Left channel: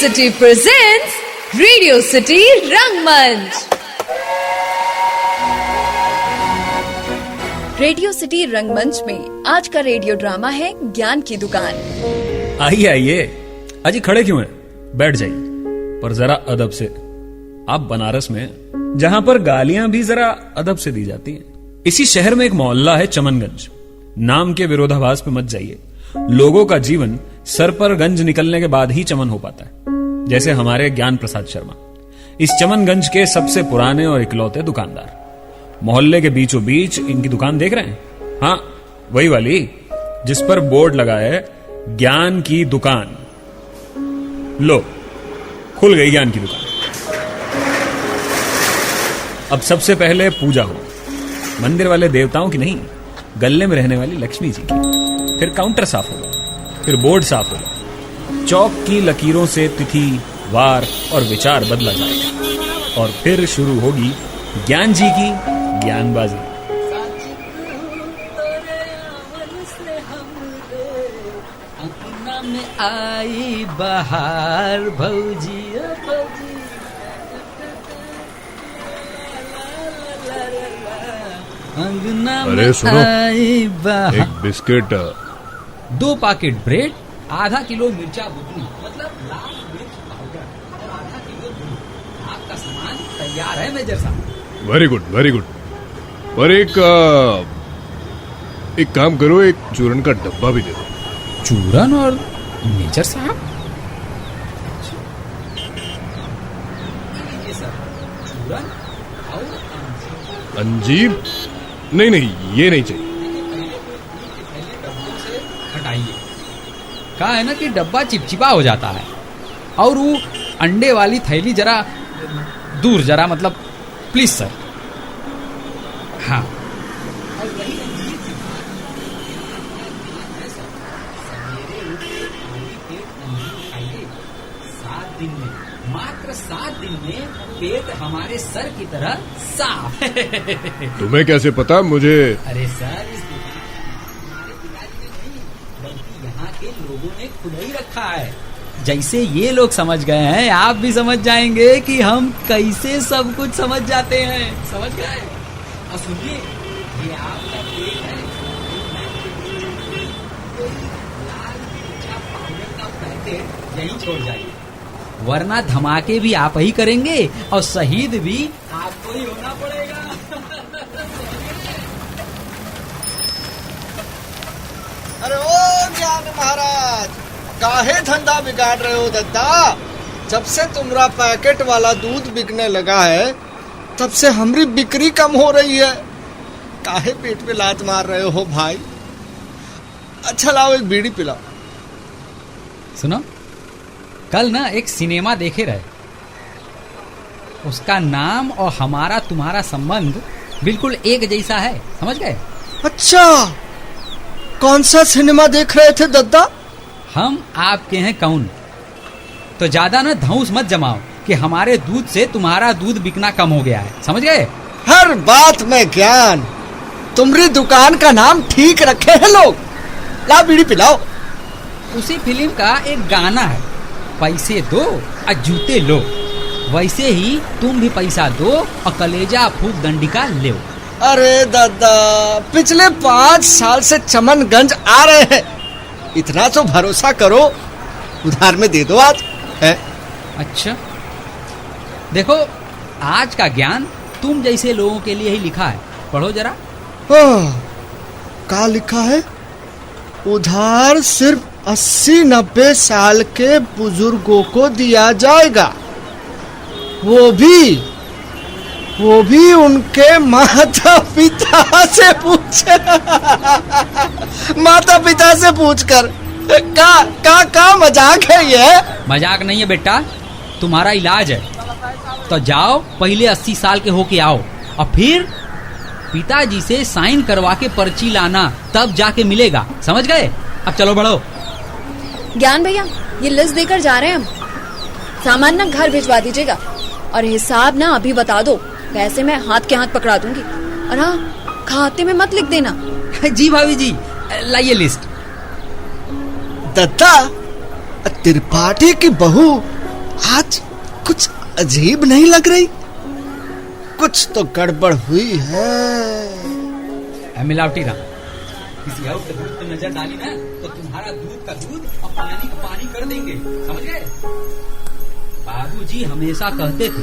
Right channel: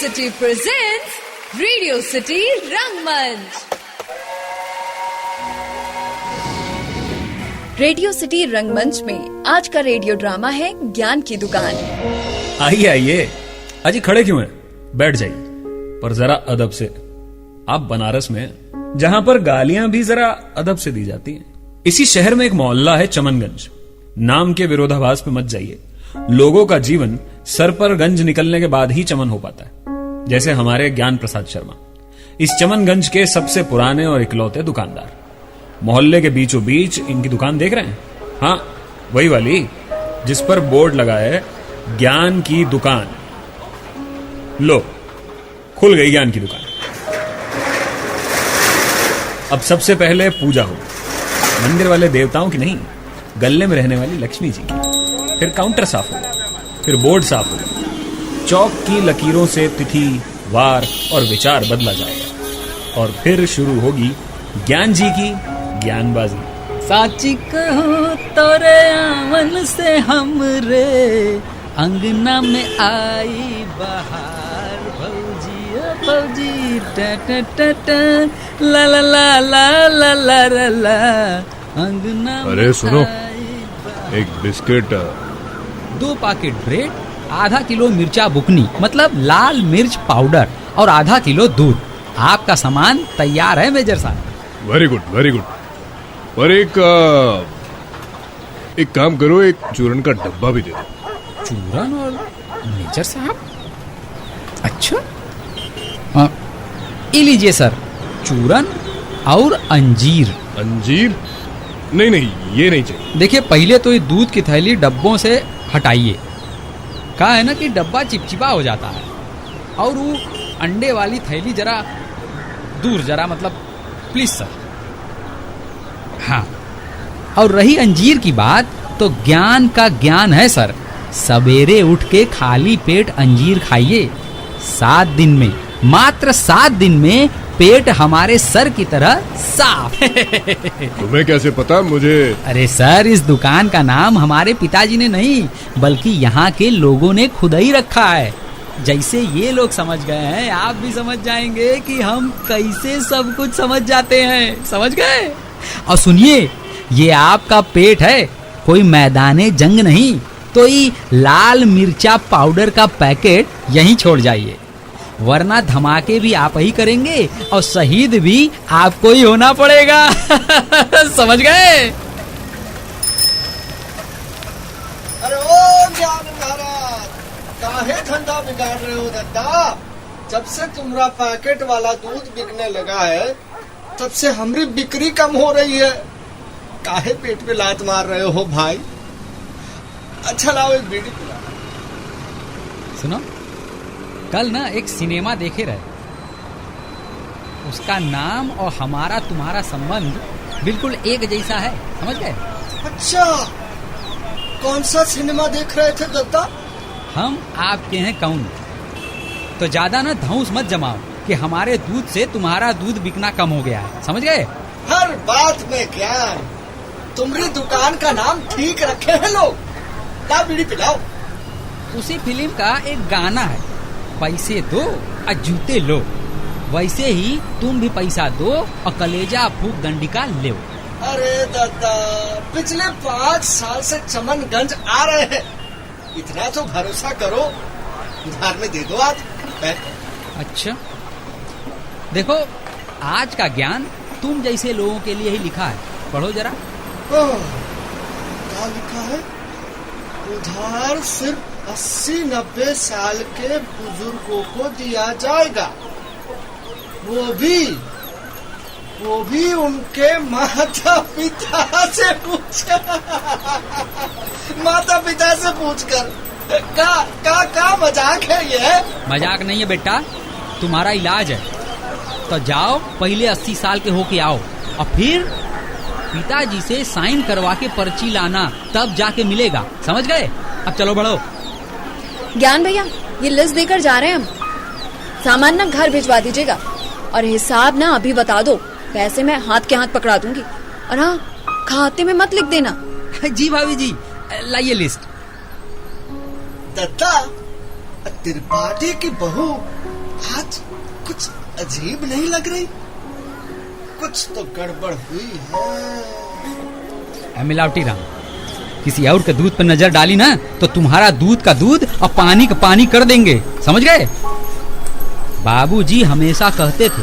City presents Radio City Rangmanch। Radio city रंगमंच में आज का रेडियो ड्रामा है ज्ञान की दुकान। आइए आइए, अजी खड़े क्यों हैं? बैठ जाइए, पर जरा अदब से। आप बनारस में, जहां पर गालियां भी जरा अदब से दी जाती हैं। इसी शहर में एक मोहल्ला है चमनगंज। नाम के विरोधाभास पे मत जाइए। लोगों का जीवन सर पर गंज निकलने के बाद ही चमन हो पाता है, जैसे हमारे ज्ञान प्रसाद शर्मा, इस चमनगंज के सबसे पुराने और इकलौते दुकानदार। मोहल्ले के बीचों बीच इनकी दुकान देख रहे हैं? हाँ, वही वाली जिस पर बोर्ड लगा है ज्ञान की दुकान। लो, खुल गई ज्ञान की दुकान। अब सबसे पहले पूजा हो, मंदिर वाले देवताओं की नहीं, गले में रहने वाली लक्ष्मी जी की। फिर काउंटर साफ होगा, फिर बोर्ड साफ होगा, चौक की लकीरों से तिथि, वार और विचार बदला जाएगा, और फिर शुरू होगी ज्ञान जी की ज्ञानबाजी। साची कहूँ तोरे आवन से हमरे अंगना में आई बहार, भौजी ओ भौजी टा टा टा टा ला ला ला ला ला ला ला ला, अंगना में आई बहार। एक बिस्किट, 2 पैकेट ब्रेड, आधा किलो मिर्चा बुकनी मतलब लाल मिर्च पाउडर, और आधा किलो दूध। आपका सामान तैयार है मेजर साहब। Very good very good. पर एक काम करो, एक चूरन का डब्बा भी दे दो। चूरन और मेजर साहब? अच्छा, हाँ, ये लीजिए सर, चूरन और अंजीर। अंजीर? नहीं नहीं, ये नहीं चाहिए। देखिए, पहले तो ये दूध की थैली डब्बों से हटाइए। कहा है ना कि डब्बा चिपचिपा हो जाता है। और वो अंडे वाली थैली जरा दूर, जरा मतलब प्लीज सर। हाँ, और रही अंजीर की बात, तो ज्ञान का ज्ञान है सर। सवेरे उठ के खाली पेट अंजीर खाइए। 7 दिन में, मात्र 7 दिन में पेट हमारे सर की तरह साफ। तुम्हें कैसे पता मुझे? अरे सर, इस दुकान का नाम हमारे पिताजी ने नहीं, बल्कि यहाँ के लोगों ने खुद ही रखा है। जैसे ये लोग समझ गए हैं, आप भी समझ जाएंगे कि हम कैसे सब कुछ समझ जाते हैं। समझ गए? और सुनिए, ये आपका पेट है, कोई मैदाने जंग नहीं। तो ये लाल मिर्चा पाउडर का पैकेट यहीं छोड़ जाइए, वरना धमाके भी आप ही करेंगे और शहीद भी आपको ही होना पड़ेगा। समझ गए? अरे ओ ज्ञान महाराज, काहे धंधा बिगाड़ रहे हो दद्दा? जब से तुम्हारा पैकेट वाला दूध बिकने लगा है, तब से हमारी बिक्री कम हो रही है। काहे पेट पे लात मार रहे हो भाई? अच्छा लाओ, एक बीड़ी पिला। सुनो, कल ना एक सिनेमा देखे रहे, उसका नाम और हमारा तुम्हारा संबंध बिल्कुल एक जैसा है। समझ गए? अच्छा, कौन सा सिनेमा देख रहे थे दद्दा? हम आपके हैं कौन? तो ज्यादा ना धौंस मत जमाओ कि हमारे दूध से तुम्हारा दूध बिकना कम हो गया है। समझ गए? हर बात में ज्ञान। तुम्हारी दुकान का नाम ठीक रखे हैं लोग। ला बीड़ी पिलाओ। उसी फिल्म का एक गाना है, पैसे दो और जूते लो। वैसे ही तुम भी पैसा दो और कलेजा फूक दंडिका ले। अरे दादा, पिछले 5 साल से चमनगंज आ रहे हैं, इतना तो भरोसा करो, उधार में दे दो आज है। अच्छा, देखो, आज का ज्ञान तुम जैसे लोगों के लिए ही लिखा है। पढ़ो जरा। क्या लिखा है? उधार सिर्फ 80-90 साल के बुजुर्गों को दिया जाएगा, वो भी उनके माता पिता से पूछकर। का मजाक है ये? मजाक नहीं है बेटा, तुम्हारा इलाज है। तो जाओ, पहले 80 साल के होके आओ, और फिर पिताजी से साइन करवा के पर्ची लाना, तब जाके मिलेगा। समझ गए? अब चलो बढ़ो। ज्ञान भैया, ये लिस्ट देकर जा रहे हैं हम। सामान ना घर भिजवा दीजिएगा, और हिसाब ना अभी बता दो, पैसे मैं हाथ के हाथ पकड़ा दूंगी। और हाँ, खाते में मत लिख देना। जी भाभी जी, लाइए लिस्ट। दत्ता, त्रिपाठी की बहू आज कुछ अजीब नहीं लग रही? कुछ तो गड़बड़ हुई है। मिलावटी राम, किसी और के दूध पर नजर डाली ना तो तुम्हारा दूध का दूध और पानी का पानी कर देंगे, समझ गए? बाबूजी हमेशा कहते थे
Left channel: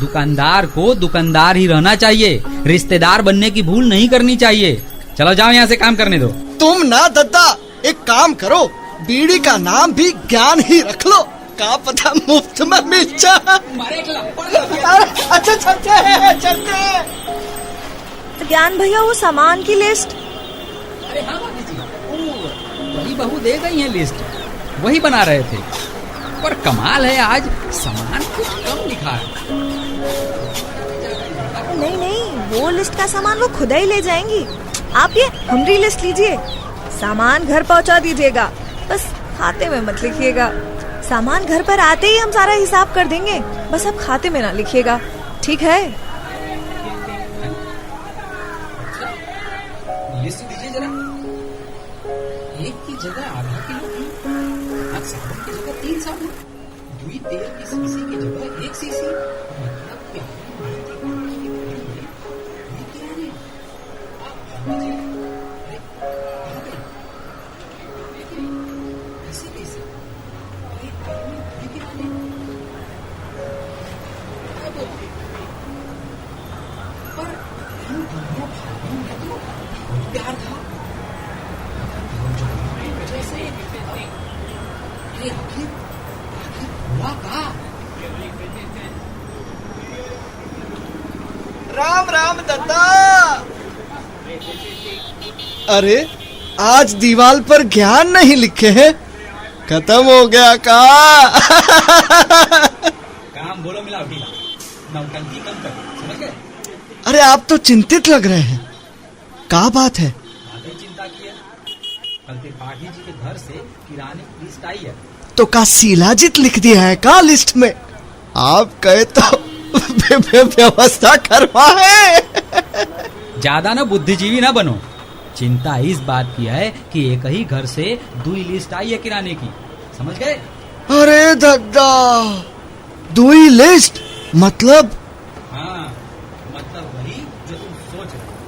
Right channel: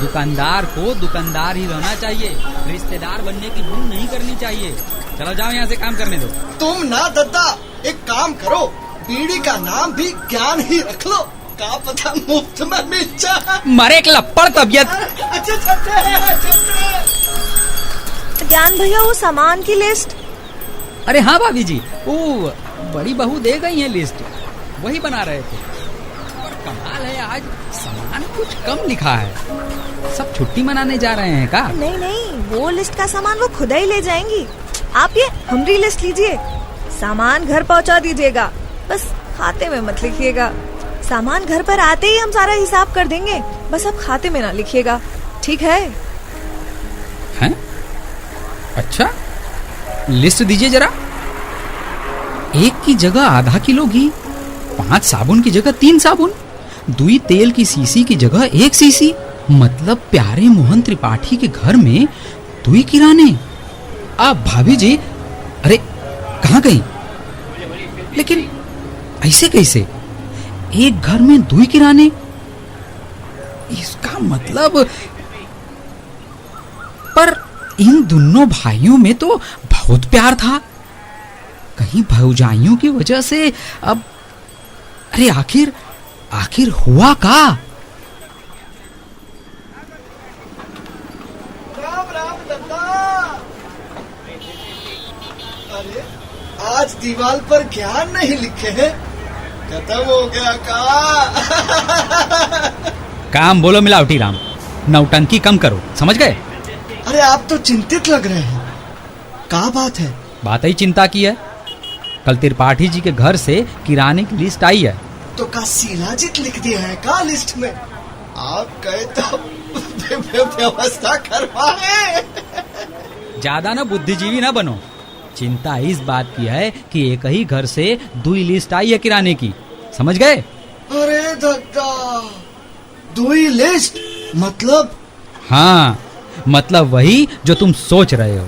दुकानदार को दुकानदार ही रहना चाहिए, रिश्तेदार बनने की भूल नहीं करनी चाहिए। चलो जाओ यहाँ से काम करने दो। तुम ना दद्दा, एक काम करो, बीड़ी का नाम भी ज्ञान ही रख लो, का पता मुफ्त में मिल जाए। मारे एक लपड़ तबियत। अच्छा चलते हैं, चलते हैं। ज्ञान भैया वो सामान की लिस्ट। अरे हाँ भाभी जी, वो बड़ी बहू दे गई है लिस्ट, वही बना रहे थे। पर कमाल है, आज सामान कुछ कम लिखा है। सब छुट्टी मनाने जा रहे हैं का? नहीं, वो लिस्ट का सामान वो खुद ही ले जाएंगी। आप ये हमारी लिस्ट लीजिए, सामान घर पहुंचा दीजिएगा, बस खाते में मत लिखिएगा। सामान घर पर आते ही हम सारा हिसाब कर देंगे, बस आप खाते में ना लिखिएगा, ठीक है? हैं? अच्छा, लिस्ट दीजिए जरा। 1 की जगह आधा किलो घी, 5 साबुन की जगह 3 साबुन, 2 तेल की सीसी की जगह 1 सीसी। मतलब प्यारे मोहन त्रिपाठी के घर में 2 किराने। आप भाभी जी, अरे कहाँ गई? लेकिन ऐसे कैसे? एक घर में 2 किराने, इसका मतलब। पर इन दोनों भाइयों में तो बहुत प्यार था, कहीं भौजाइयों की वजह से अब। अरे आखिर हुआ का? राम राम दद्दा। अरे आज दीवार पर ज्ञान नहीं लिखे हैं, खत्म हो गया का? काम बोलो मिलावटी राम, नौटंकी कम करो, समझ गए? अरे आप तो चिंतित लग रहे हैं, क्या बात है? बात ही चिंता की है। कल त्रिपाठी जी के घर से किराने की लिस्ट आई है। तो का शिलाजीत लिख दिया है का लिस्ट में? आप कहे तो व्यवस्था करवाए। ज्यादा ना बुद्धिजीवी ना बनो। चिंता इस बात की है कि एक ही घर से 2 लिस्ट आई है किराने की, समझ गए? अरे दद्दा, 2 लिस्ट मतलब? हाँ, मतलब वही जो तुम सोच रहे हो।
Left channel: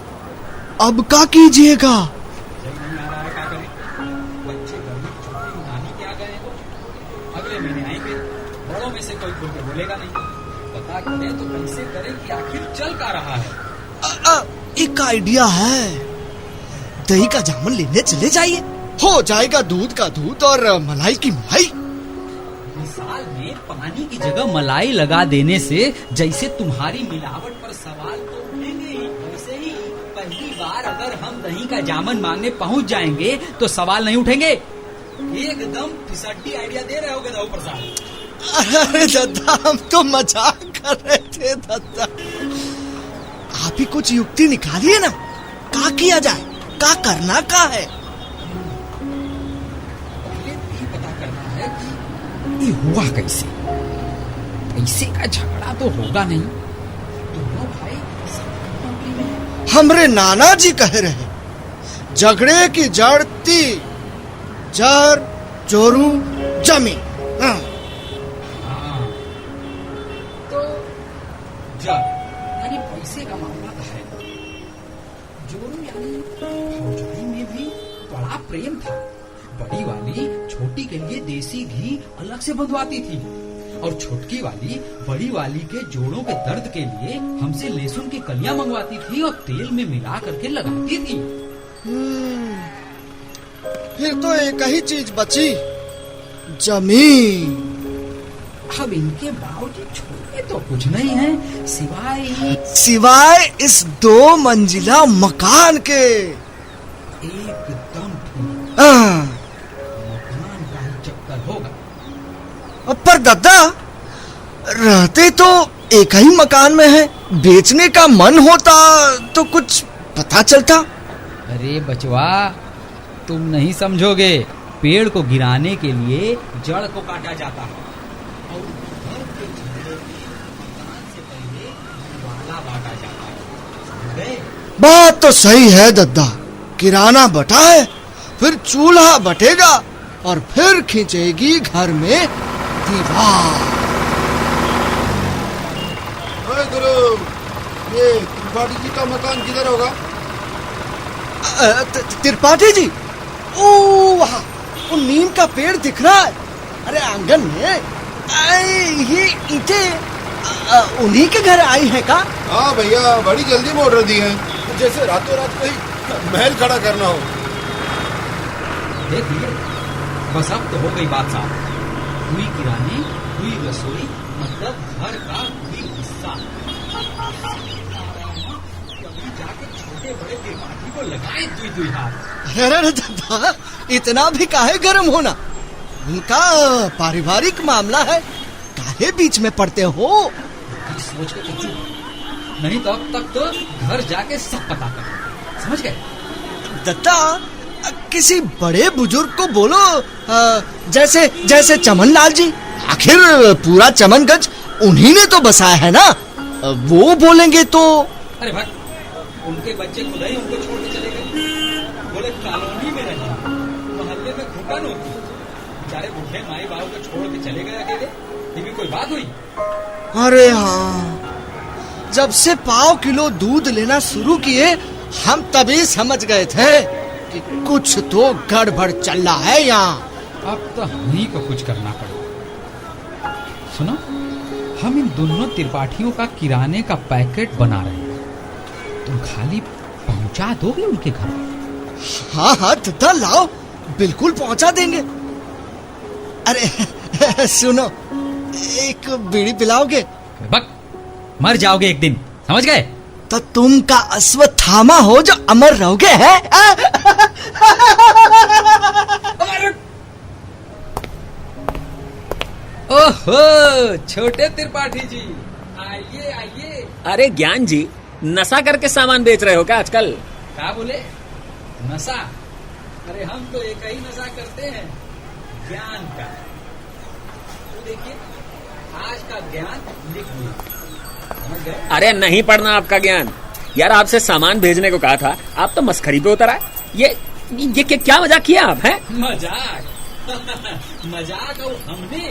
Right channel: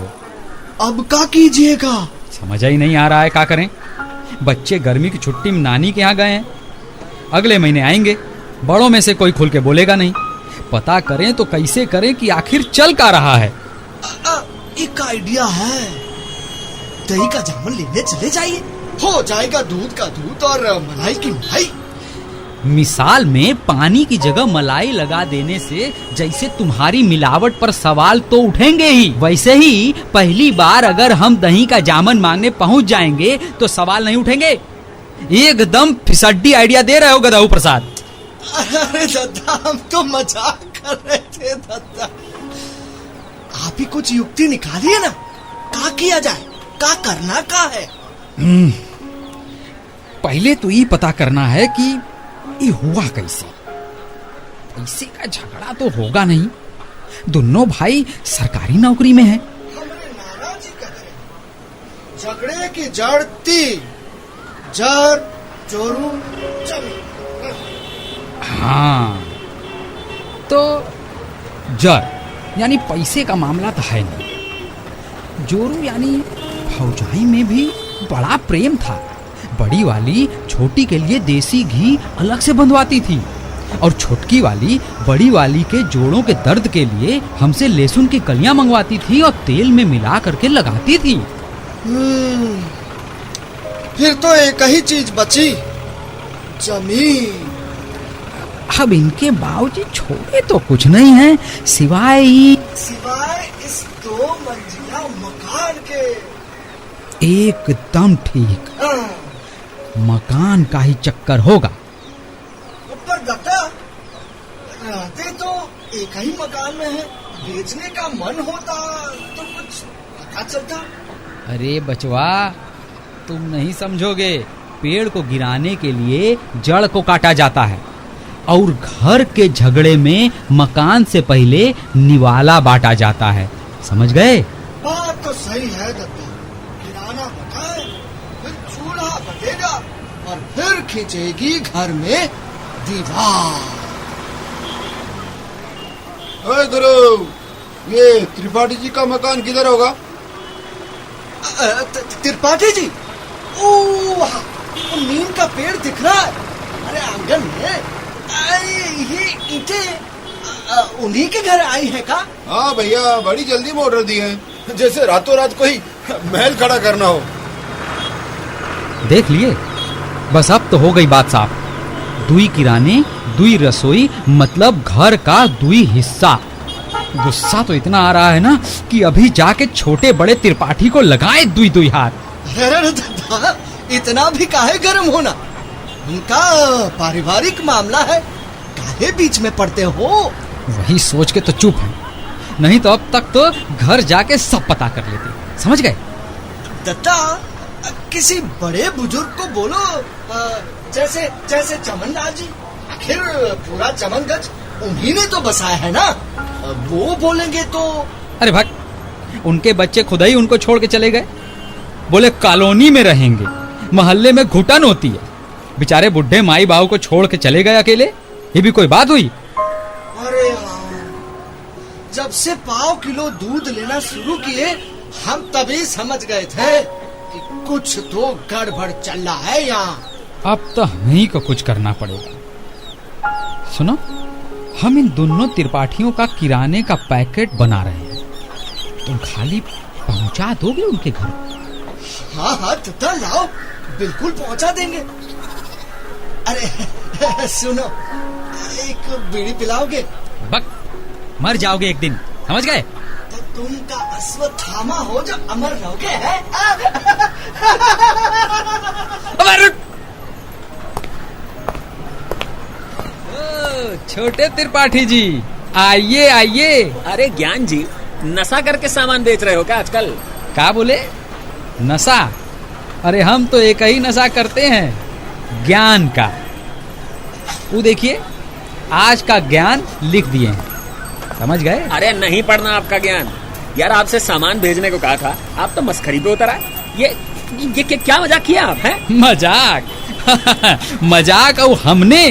अब क्या कीजिएगा? समझ ही नहीं आ रहा है क्या करें। बच्चे गर्मी की छुट्टी में नानी के यहाँ गए हैं, अगले महीने आएंगे। बड़ों में से कोई खुल के बोलेगा नहीं। पता करें तो कैसे करें कि आखिर चल क्या रहा है। एक आइडिया है, दही का जामुन लेने चले जाइए, हो जाएगा दूध का दूध और मलाई की मलाई। मिसाल में पानी की जगह मलाई लगा देने से जैसे तुम्हारी मिलावट पर सवाल तो उठेंगे ही, वैसे ही पहली बार अगर हम दही का जामुन मांगने पहुंच जाएंगे तो सवाल नहीं उठेंगे। एकदम फिसड्डी आइडिया दे रहे हो गदाऊ प्रसाद। अरे दद्दा, हम तो मजाक कर रहे थे दद्दा। आप ही कुछ युक्ति निकालिए ना, क्या किया जाए, क्या करना का है? पहले तो ये पता करना है कि ये हुआ कैसे। पैसे का झगड़ा तो होगा नहीं, दोनों भाई सरकारी नौकरी में हैं। हमरे नाना जी कह रहे हैं, झगड़े की जड़ 3, जड़ जोरू जमीन। हाँ, तो जड़ यानी पैसे का मामला तो है नहीं। जोरू यानी भौजाई में भी बड़ा प्रेम था। बड़ी वाली छोटी के लिए देसी घी अलग से बंधवाती थी और छोटकी वाली बड़ी वाली के जोड़ों के दर्द के लिए हमसे लहसुन की कलियां मंगवाती थी और तेल में मिला करके लगाती थी। फिर तो एक ही चीज बची, जमीन। अब इनके बाबूजी छोड़े तो कुछ नहीं है सिवाय इस 2 मंजिला मकान के। एकदम ठीक, मकान का ही चक्कर होगा। पर दादा, रहते तो एक ही मकान में है, बेचने का मन होता तो कुछ पता चलता। अरे बचवा, तुम नहीं समझोगे। पेड़ को गिराने के लिए जड़ को काटा जाता है और घर के झगड़े में मकान से पहले निवाला बांटा जाता है, समझ गए? बात तो सही है दद्दा, किराना बटा है, फिर चूल्हा बटेगा और फिर खींचेगी घर में दीवार। ओए गुरु, ये त्रिपाठी जी का मकान किधर होगा? त्रिपाठी जी, ओ वहाँ वो नीम का पेड़ दिख रहा है। अरे आंगन में ये ईंटें उन्हीं के घर आई हैं का? हाँ भैया, बड़ी जल्दी मोटर दी है, जैसे रातों रात कोई महल खड़ा करना हो। देख लिए, बस अब तो हो गई बात साफ। दुई किराने, दुई रसोई, मतलब घर का दुई हिस्सा। गुस्सा तो इतना आ रहा है ना कि अभी जाके छोटे बड़े त्रिपाठी को लगाए दुई दुई हाथ। अरे दादा, इतना भी काहे गर्म होना, उनका पारिवारिक मामला है, काहे बीच में पड़ते हो? वही सोच के तो चुप है, नहीं तो अब तक तो घर जाके सब पता कर लेते। समझ गए? दत्ता, किसी बड़े बुजुर्ग को बोलो, जैसे जैसे चमन लाल जी। आखिर पूरा चमनगंज उन्हीं ने तो बसाया है ना, वो बोलेंगे तो। अरे भक्त, उनके बच्चे खुद ही उनको छोड़ के चले गए। बोले कॉलोनी में रहेंगे, मोहल्ले में घुटन होती है। बेचारे बुढ़े माई बाबू को छोड़ के चले गए अकेले, ये भी कोई बात हुई? अरे हाँ, जब से पाव किलो दूध लेना शुरू किए, हम तभी समझ गए थे कि कुछ तो गड़बड़ चल रहा है यहाँ। अब तो हमें को कुछ करना पड़ेगा। सुनो, हम इन दोनों त्रिपाठियों का किराने का पैकेट बना रहे हैं, तुम खाली पहुंचा दोगे उनके घर? हाँ हाँ दत्ता, लाओ, बिल्कुल पहुंचा देंगे। अरे सुनो, एक बीड़ी पिलाओगे? बक, मर जाओगे एक दिन, समझ गए? तो तुम का अश्वत्थामा हो जो अमर रहोगे, है? ओहो, छोटे त्रिपाठी जी, आइए आइए। अरे ज्ञान जी, नशा करके सामान बेच रहे हो क्या आजकल? क्या बोले? नशा? अरे हम तो एक ही नशा करते हैं, ज्ञान का। वो देखिए, आज का ज्ञान लिख दिए हैं, समझ गए? अरे नहीं पढ़ना आपका ज्ञान यार, आपसे सामान भेजने को कहा था, आप तो मस्खरी पे उतर आए। ये क्या मजाक किया आप? हैं? मजाक? मजाक और हमने?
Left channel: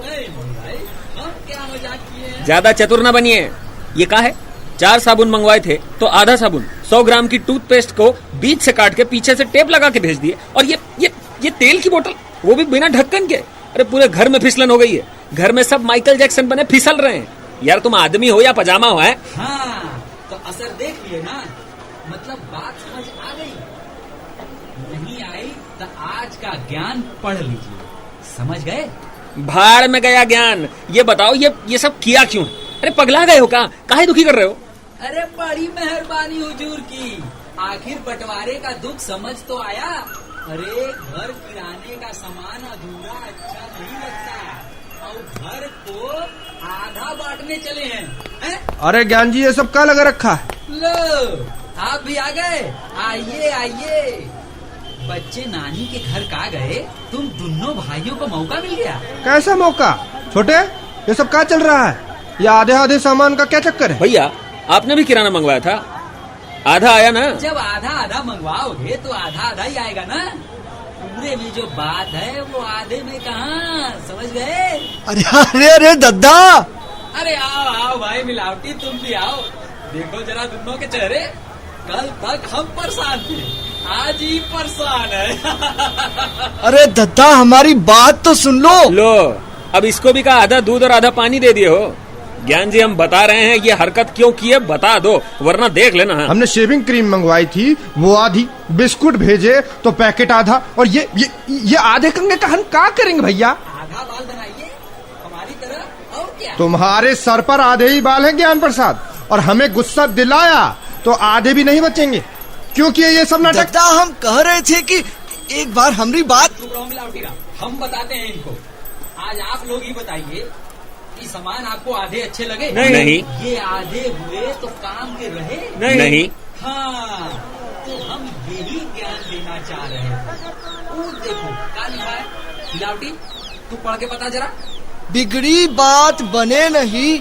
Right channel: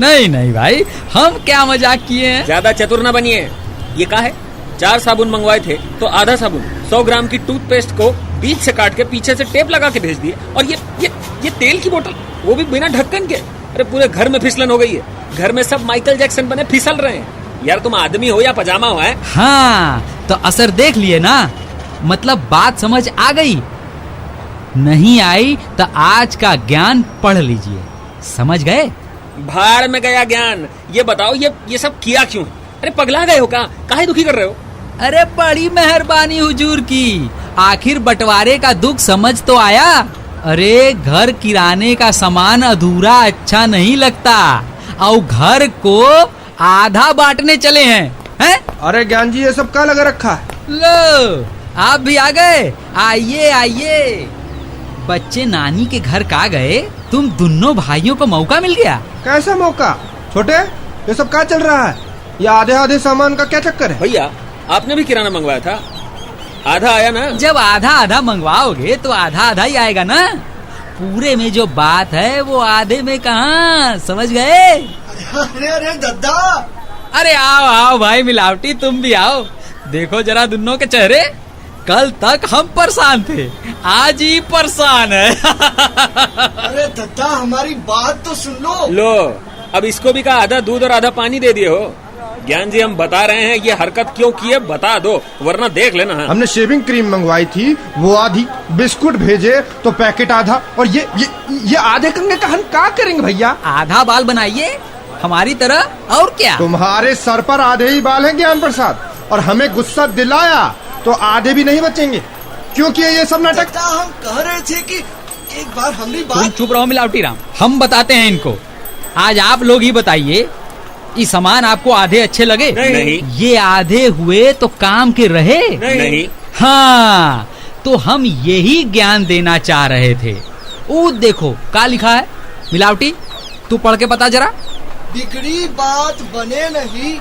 नहीं नहीं भाई, हम क्या मजाक किए हैं? ज्यादा चतुर ना बनिए। ये क्या है, 4 साबुन मंगवाए थे तो आधा साबुन 100 ग्राम की टूथपेस्ट को बीच से काट के पीछे से टेप लगा के भेज दिए, और ये तेल की बोतल, वो भी बिना ढक्कन के। अरे पूरे घर में फिसलन हो गई है, घर में सब माइकल जैक्सन बने फिसल रहे हैं। यार तुम आदमी हो या पजामा हो? है हाँ, तो असर देख लिए ना, मतलब बात समझ आ गई। नहीं आई तो आज का ज्ञान पढ़ लीजिए, समझ गए? भाड़ में गया ज्ञान। ये बताओ, ये सब किया क्यों? अरे पगला गए हो क्या? काहे दुखी कर रहे हो? अरे बड़ी मेहरबानी हुजूर की, आखिर बंटवारे का दुख समझ तो आया। अरे घर किराने का सामान अधूरा अच्छा नहीं लगता, और घर को आधा बांटने चले हैं? अरे ज्ञान जी, ये सब क्या लगा रखा है? लो, आप भी आ गए, आइए आइए। बच्चे नानी के घर का गए, तुम दोनों भाइयों को मौका मिल गया। कैसा मौका? छोटे, ये सब क्या चल रहा है? ये आधे आधे सामान का क्या चक्कर है? भैया, आपने भी किराना मंगवाया था, आधा आया ना? जब आधा आधा मंगवाओगे तो आधा आधा ही आएगा ना। पूरे में जो बात है वो आधे में कहाँ, समझ गए? अरे अरे अरे दद्दा, अरे आओ आओ भाई मिलावटी, तुम भी आओ। देखो जरा दोनों के चेहरे, कल तक हम परेशान थे, आज ही परेशान है। अरे दद्दा, हमारी बात तो सुन लो। लो, अब इसको भी कहा आधा दूध और आधा पानी दे दिए हो। ज्ञान जी, हम बता रहे हैं, ये हरकत क्यों की है बता दो, वरना देख लेना। हमने शेविंग क्रीम मंगवाई थी, वो आधी, बिस्कुट भेजे तो पैकेट आधा, और ये आधे कंगे का हम क्या करेंगे भैया? आधा बाल बनाइए हमारी तरह, और क्या? तुम्हारे सर पर आधे ही बाल हैं ज्ञान प्रसाद, और हमें गुस्सा दिलाया तो आधे भी नहीं बचेंगे। क्यों किए ये सब नाटक? दद्दा, हम कह रहे थे कि एक बार हमारी बात। चुप रहो मिलावटी राम, हम बताते हैं इनको। आज आप लोग ही बताइए, ये सामान आपको आधे अच्छे लगे? नहीं। ये आधे हुए तो काम के रहे? नहीं। हाँ, तो हम यही ज्ञान देना चाह रहे थे। वो देखो क्या लिखा है, मिलावटी तू पढ़ के बता जरा। बिगड़ी बात बने नहीं,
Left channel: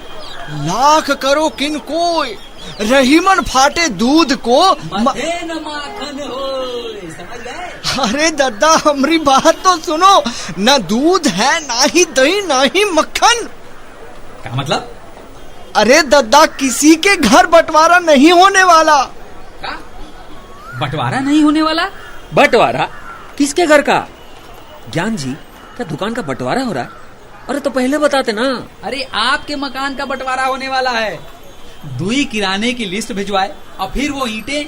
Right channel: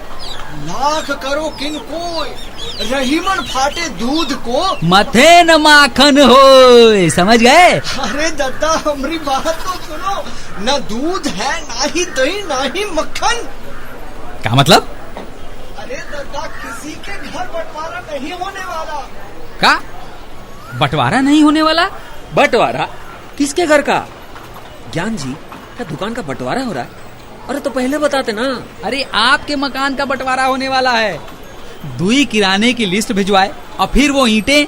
लाख करो किन कोई, रहीमन फाटे दूध को मथे न माखन हो, समझ गए? अरे दद्दा, हमारी बात तो सुनो, न दूध है, ना ही दही, ना ही मक्खन। क्या मतलब? अरे दद्दा, किसी के घर बंटवारा नहीं होने वाला। का बंटवारा नहीं होने वाला? बंटवारा? किसके घर का? ज्ञान जी, क्या दुकान का बंटवारा हो रहा है? अरे तो पहले बताते ना। अरे आपके मकान का बंटवारा होने वाला है। दुई किराने की लिस्ट भिजवाए और फिर वो ईंटें।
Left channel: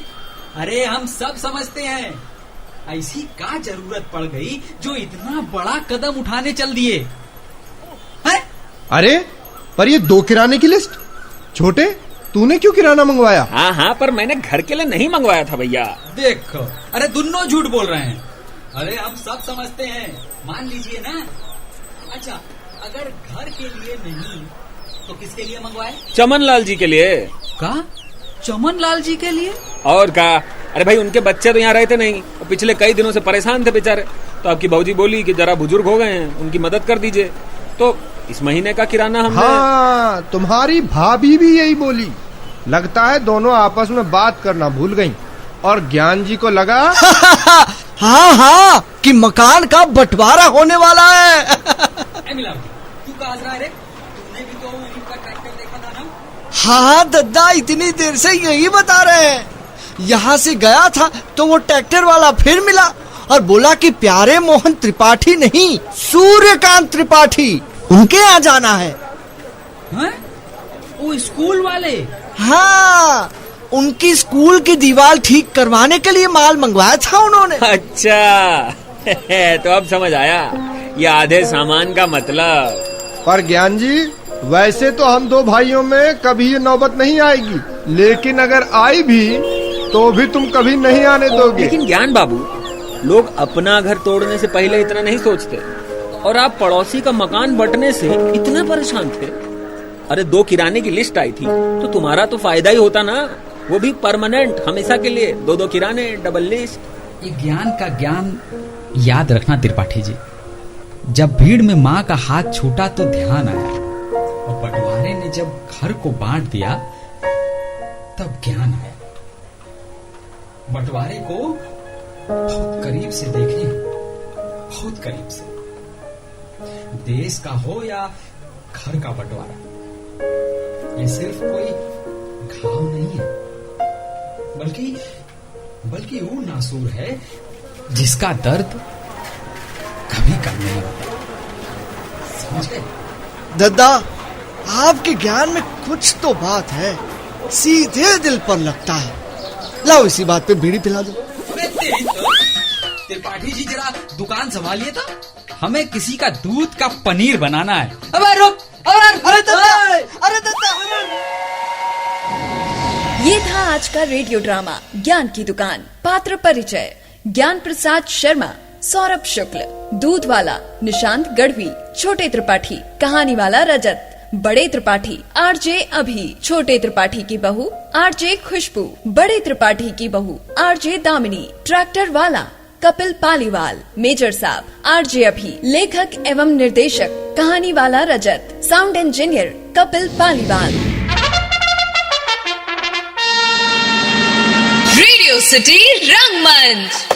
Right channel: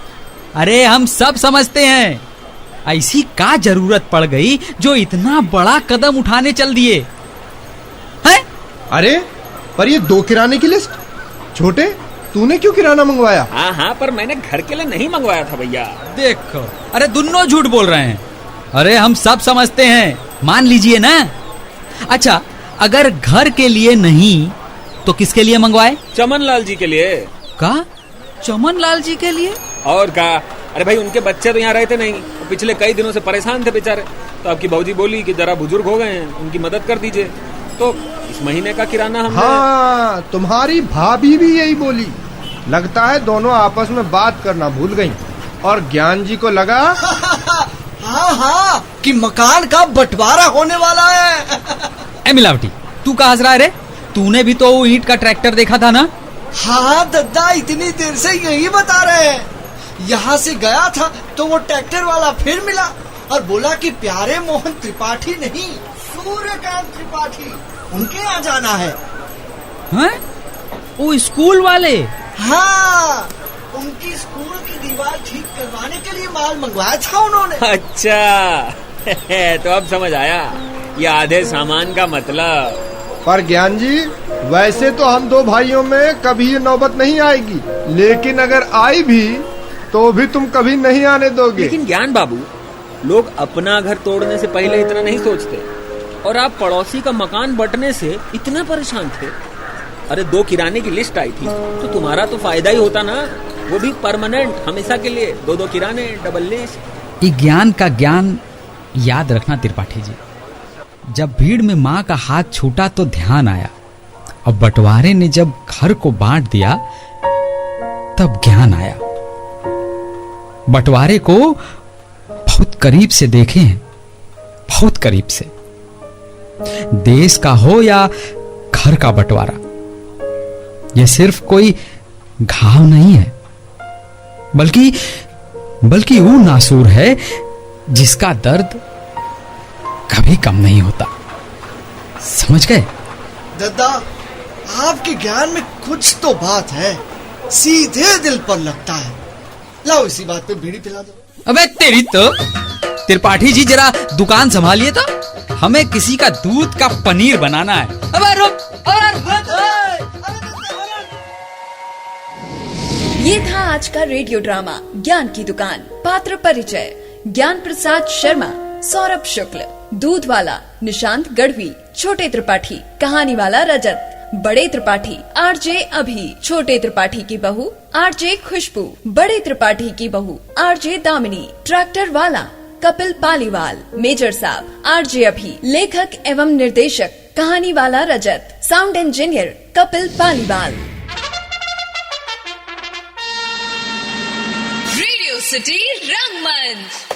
अरे हम सब समझते हैं, ऐसी का जरूरत पड़ गई जो इतना बड़ा कदम उठाने चल दिए हैं? अरे पर ये 2 किराने की लिस्ट। छोटे, तूने क्यों किराना मंगवाया? हाँ हाँ, पर मैंने घर के लिए नहीं मंगवाया था भैया। देखो, अरे दोनों झूठ बोल रहे हैं। अरे हम सब समझते हैं, मान लीजिए ना। अच्छा, अगर घर के लिए नहीं तो किसके लिए मंगवाए? चमन लाल जी के लिए। का? चमन लाल जी के लिए? और का? अरे भाई, उनके बच्चे तो यहाँ रहते नहीं, वो पिछले कई दिनों से परेशान थे बेचारे। तो आपकी भौजी बोली कि जरा बुजुर्ग हो गए हैं, उनकी मदद कर दीजिए। तो इस महीने का किराना हमने। हाँ, तुम्हारी भाभी भी यही बोली। लगता है दोनों आपस में बात करना भूल गई और ज्ञान जी को लगा हाँ हाँ, कि मकान का बंटवारा होने वाला है। ए मिलावटी, तू कहाँ हंस रहा है रे? तूने भी तो ईंट का ट्रैक्टर देखा था ना? हाँ दद्दा, इतनी देर से यही बता रहे हैं। यहाँ से गया था तो वो ट्रैक्टर वाला फिर मिला और बोला कि प्यारे मोहन त्रिपाठी नहीं, सूर्यकांत त्रिपाठी, उनके यहाँ जाना है। हैं? वो स्कूल वाले? हाँ, उनकी स्कूल की दीवार ठीक करवाने के लिए माल मंगवाया था उन्होंने। अच्छा तो अब समझ आया, ये आधे सामान का मतलब। पर ज्ञान जी, वैसे तो हम 2 भाइयों में कभी ये नौबत नहीं आएगी, लेकिन अगर आई भी तो भी तुम कभी नहीं आने दोगे। लेकिन ज्ञान बाबू, लोग अपना घर तोड़ने से पहले इतना नहीं सोचते, और आप पड़ोसी का मकान बंटने से इतना परेशान थे। अरे 2 किराने की लिस्ट आई थी तो तुम्हारा तो फायदा ही होता ना, वो भी परमानेंट, हमेशा के लिए। 2 किराने, डबल लिस्ट। ये ज्ञान का ज्ञान याद रखना त्रिपाठी जी। जब भीड़ में माँ का हाथ छूटा तो ध्यान आया, और बंटवारे ने जब घर को बांट दिया तब ज्ञान आया। बंटवारे को बहुत करीब से देखे हैं, बहुत करीब से। देश का हो या घर का बंटवारा, यह सिर्फ कोई घाव नहीं है, बल्कि वो नासूर है जिसका दर्द कभी कम नहीं होता। समझ गए? दद्दा, आपके ज्ञान में कुछ तो बात है, सीधे दिल पर लगता है। लाओ इसी बात पे बीड़ी पिला दो। अबे तेरी तो। त्रिपाठी जी, जरा दुकान संभालिए तो, हमें किसी का दूध का पनीर बनाना है। अबे रुक, अरे दद्दा, ये था आज का रेडियो ड्रामा ज्ञान की दुकान। पात्र परिचय: ज्ञान प्रसाद शर्मा, सौरभ शुक्ल, दूध वाला निशांत गढ़वी, छोटे त्रिपाठी कहानी वाला रजत, बड़े त्रिपाठी आरजे अभी, छोटे त्रिपाठी की बहू आरजे खुशबू, बड़े त्रिपाठी की बहू आरजे दामिनी, ट्रैक्टर वाला कपिल पालीवाल, मेजर साहब आरजे अभी, लेखक एवं निर्देशक कहानी वाला Rajat, sound engineer Kapil Paliwal. Radio city रंगमंच।